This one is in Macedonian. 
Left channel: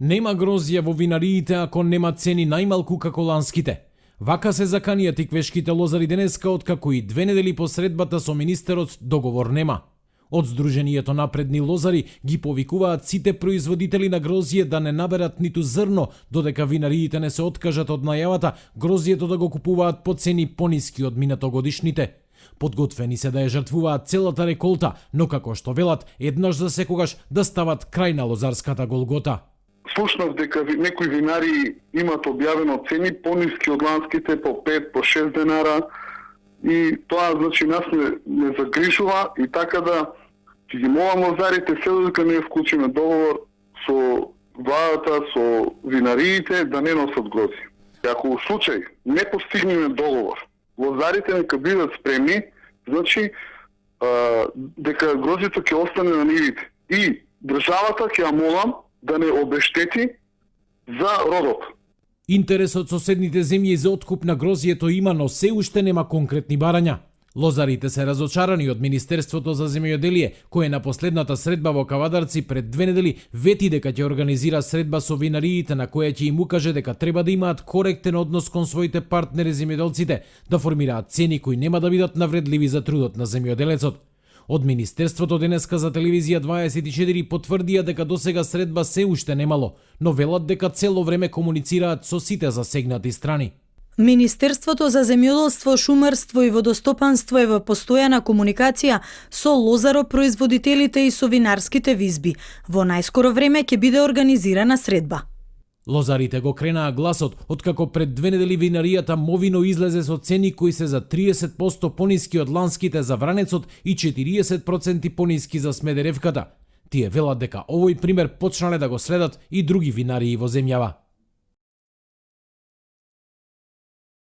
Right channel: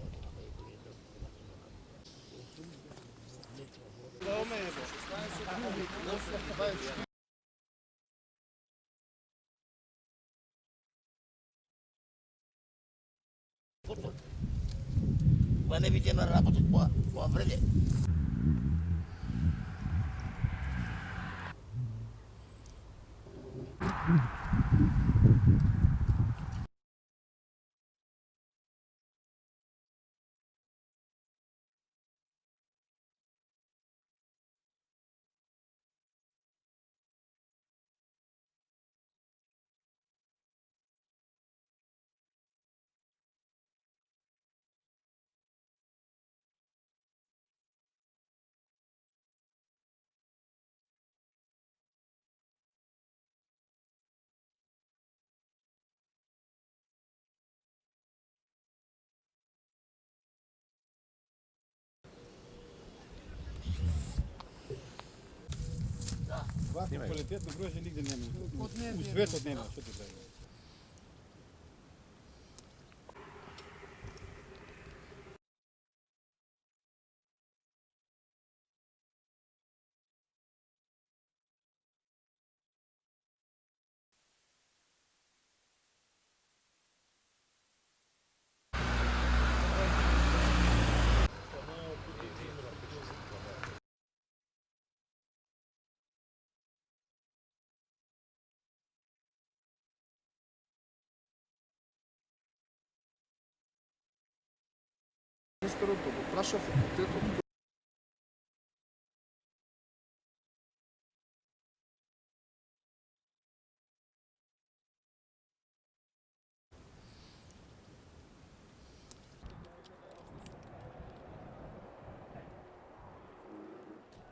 Нема грозија во винариите ако нема цени најмалку како ланските. Вака се заканија тиквешките лозари денеска, откако и 2 недели по средбата со министерот договор нема. Од Сдруженијето напредни лозари ги повикуваат сите производители на грозје да не наберат ниту зрно, додека винариите не се откажат од најавата грозјето да го купуваат по цени пониски од минатогодишните. Подготвени се да ја жртвуваат целата реколта, но како што велат, еднаш за секогаш да стават крај на лозарската голгота. Слушнав дека некои винари имат објавено цени пониски од ланските по 5, по 6 денара и тоа значи нас не загрижува и така да ќе ги молам лозарите се додека не вклучиме договор со владата, со винариите да не носат грози. Ако во случај не постигнеме договор, лозарите нека бидат спремни, значи дека грозито ќе остане на нивите и државата ќе ја молам да не обештети за родот. Интересот соседните земји за откуп на грозието има, но се уште нема конкретни барања. Лозарите се разочарани од Министерството за земјоделие, кое на последната средба во Кавадарци пред 2 недели вети дека ќе организира средба со винариите на која ќе им укаже дека треба да имаат коректен однос кон своите партнери земјоделците, да формираат цени кои нема да бидат навредливи за трудот на земјоделецот. Од Министерството денеска за телевизија 24 потврдија дека досега средба се уште немало, но велат дека цело време комуницираат со сите засегнати страни. Министерството за земјоделство, шумарство и водостопанство е во постојана комуникација со лозаропроизводителите и со винарските визби. Во најскоро време ќе биде организирана средба. Лозарите го кренаа гласот, откако пред 2 недели винаријата Мовино излезе со цени кои се за 30% пониски од ланските за Вранецот и 40% пониски за Смедеревката. Тие велат дека овој пример почнале да го следат и други винарии во земјава.